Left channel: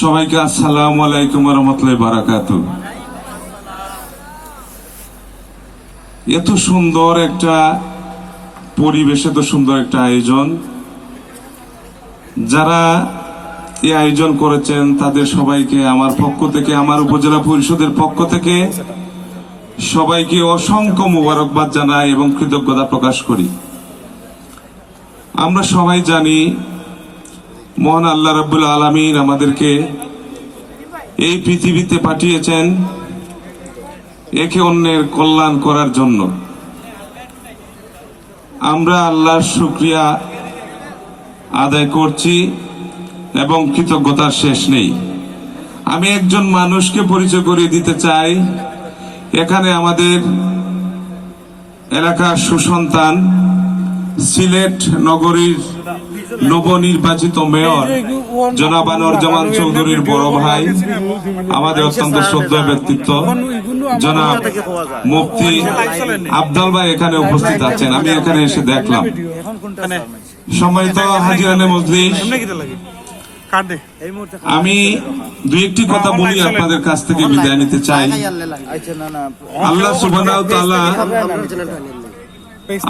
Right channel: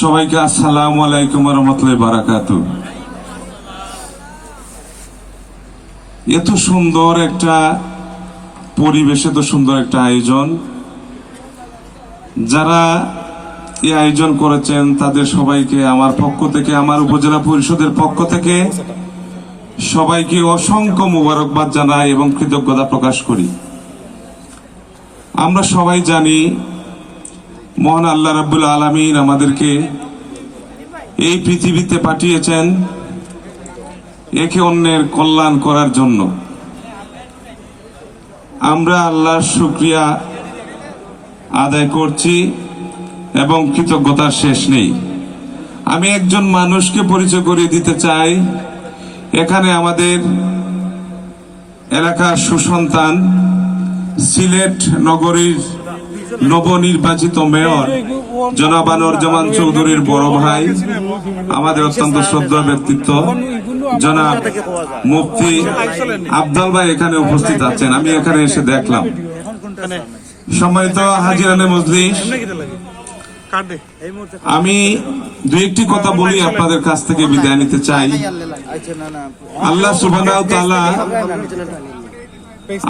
সবাইকে আসসালামু আলাইকুম ওয়া রাহমাতুল্লাহি ওয়া বারাকাতুহু। এত সুন্দর একটা পরিবেশ, এত সুন্দর একটা আয়োজন, যারা এই আয়োজন করেছেন তাদের সবাইকে আমার পক্ষ থেকে, আমার উপজেলা পরিষদের পক্ষ থেকে সবাইকে অসংখ্য মোবারকবাদ জানাই এবং কৃতজ্ঞতা প্রকাশ করি। আমরা সবাই জানি মহান আল্লাহ রাব্বুল আলামিন আমাদেরকে এই পৃথিবীতে পাঠিয়েছেন একে অন্যের কল্যাণ করার জন্য। আমরা আল্লাহর শুকরিয়া আদায় করছি এবং কৃতজ্ঞতার শেষ নেই। আমি একজন মানুষকে পরিচয় করিয়ে দিতে চাই। এখানে আমাদের এলাকার সুসন্তান, সিলেট নগরীর নবনির্বাচিত মেয়র জনাব আনোয়ারুজ্জামান চৌধুরীর বড় ভাই, আমাদের অত্যন্ত শ্রদ্ধেয় ব্যক্তিত্ব জনাব মুফতি আফজাল ভাই এখানে উপস্থিত আছেন। আমি এখানে এসে দেখলাম। সম্মানিত হাজিরানে মজলিস, আমি দুই একটি কথা বলি আপনাদের কাছ থেকে বিদায় নিতে চাই। আল্লাহ সুবহানাহু ওয়া তাআলা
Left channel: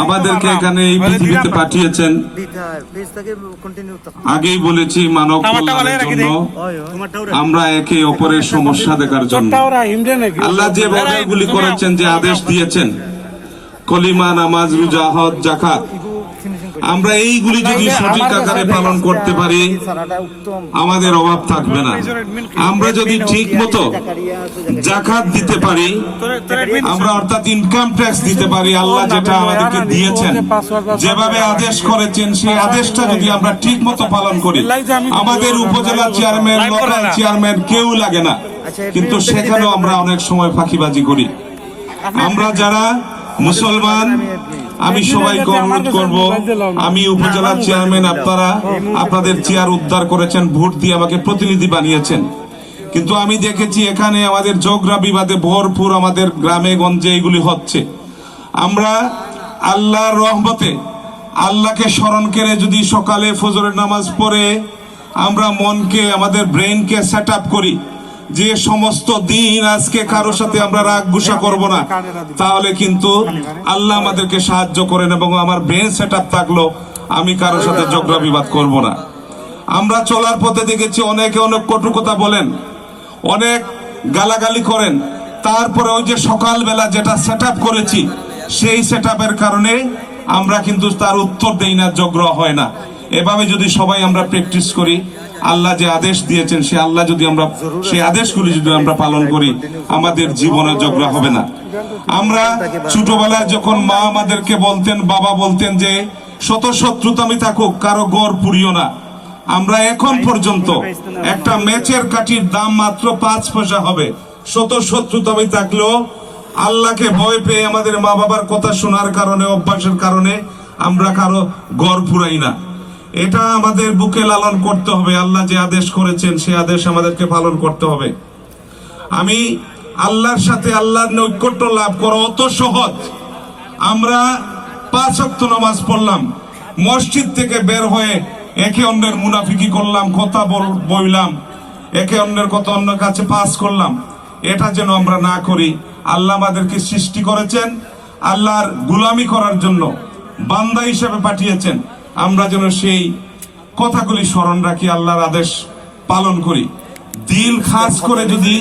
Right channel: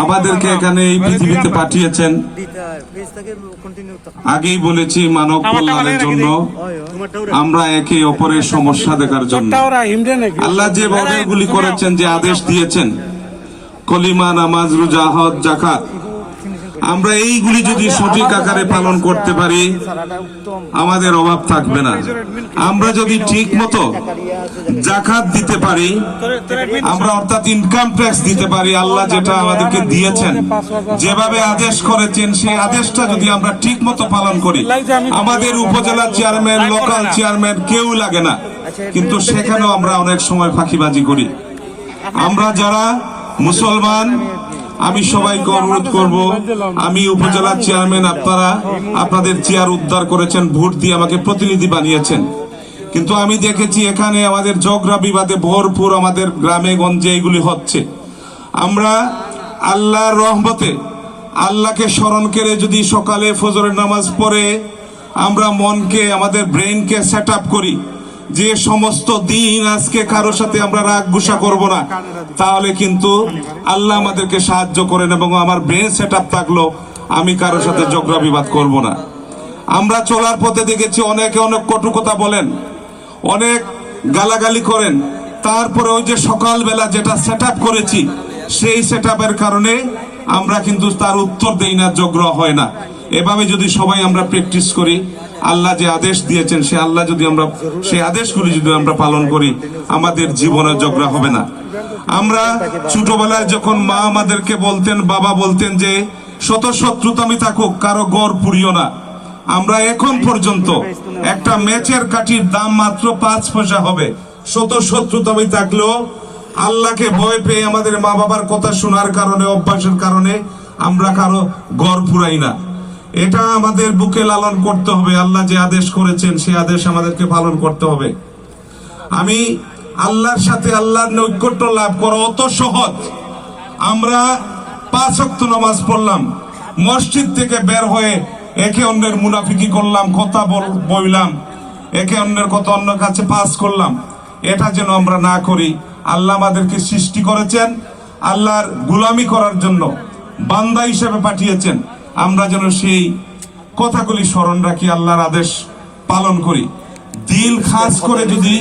আমাদেরকে এখানে এই পৃথিবীতে পাঠিয়েছেন, আগেই বলেছি, মানব কল্যাণের জন্য, আমরা একে অপরের সমস্যা দেখার জন্য। আল্লাহ যে অর্ডারগুলি করেছেন, যে আদেশ দিয়েছেন, কলিমা, নামাজ, রোজা, হজ, যাকাত, আমরা এইগুলি যদি সঠিক আকারে পালন করতে পারি আমাদের অভাব থাকবে না। আমরা যদি ঠিক মতো যাকাত দিতে পারি, আমরা অর্থাৎ ইনকাম ট্যাক্স দিতে পারি, আল্লাহ যেটা আমাদেরকে দিয়েছেন, যেভাবে আদেশ করেছেন, সেই আদেশটা যদি আমরা ঠিক মতো পালন করি, আমাদের উপজেলা চেয়ারম্যান, লোকাল চেয়ারম্যান কেউ লাগে না, কিন্তু সেখানেও আমরা অনেক সময় ফাঁকিবাজি করি। আমরা যারা মুসলমান, আমি সবাইকে অনুরোধ করব, আমি উপজেলা চেয়ারম্যান, আপনারা আপনাদের চেয়ার উদ্ধার করেছেন, ভোট দিয়ে আমাকে প্রতিনিধি বানিয়েছেন, কিন্তু আমি দেখেছি এখানে আমাদের ঝগড়া বিবাদে ভরপুর আমাদের গ্রামে গঞ্জে এইগুলি হচ্ছে। আমরা আল্লাহর রহমতে আল্লাহকে স্মরণ করে যদি সকালে ফজরের নামাজ পড়ে আমরা মনকে, আমাদের ব্রেনকে সেট আপ করি যে সমস্ত দিন আজকে কারোর সাথে আমরা রাগ গুসা করব না, তাহলে কিন্তু আল্লাহ আমাদেরকে সাহায্য করেন এবং আমার ব্রেন সেট আপ থাকলো, আমি কারোর সাথে ঝগড়া বিবাদ করব না। আমরা চলার পথে দেখেছি অনেকে অনেক কটু কথা বলেন, অনেক গালাগালি করেন, তারপরে ওই যে সকালবেলা যেটা সেট আপ করেছি সেই সেট আপের কারণে আমরা কিন্তু তার উত্তর দেই না, ঝগড়া হয় না। এভাবে যদি সবাই আমরা প্র্যাকটিস করি, আল্লাহ যে আদেশ দিয়েছেন সেই আদেশগুলি যদি আমরা পালন করি, আমাদের জীবনে ঝগড়া হবে না। আমরা ছোটবেলায় যখন মা আমাদেরকে বলতেন, বাবা বলতেন যে শত শত্রুতামি থাকুক কারো গড় পুড়িও না, আমরা এখন পর্যন্ত একটা ম্যাচের কাঠির দাম মাত্র 5 পয়সা হবে, শত শত্রুতামি থাকলেও আল্লাহকে ভয় পেয়ে আমাদের মা বাবার কথা শোনার কারণে, অভ্যাসের কারণে আমরা কারো গড় পুরাই না। এটা আমাদের বুকে লালন করতে হবে। আল্লাহ যে আদেশ করেছেন সেই আদেশ আমাদেরকে পালন করতে হবে। আমি আল্লাহর সাথে আল্লাহর নৈকট্য লাভ করা অত সহজ। আমরা 5 ওয়াক্ত নামাজ পড়লাম, মসজিদ থেকে বের হয়ে একে অন্যের মুনাফিকি করলাম, কথা বললাম, একে অন্যের কথা অন্য কাছে পাস করলাম, এটা যেন আমরা না করি। আল্লাহ আমাদেরকে সৃষ্টি করেছেন আল্লাহর গোলামি করার জন্য, বান্দা হিসেবে পাঠিয়েছেন, আমরা যেন সেই কথাগুলি স্মরণ রাখি, আল্লাহর আদেশ পালন করি। দিল খাস করে যদি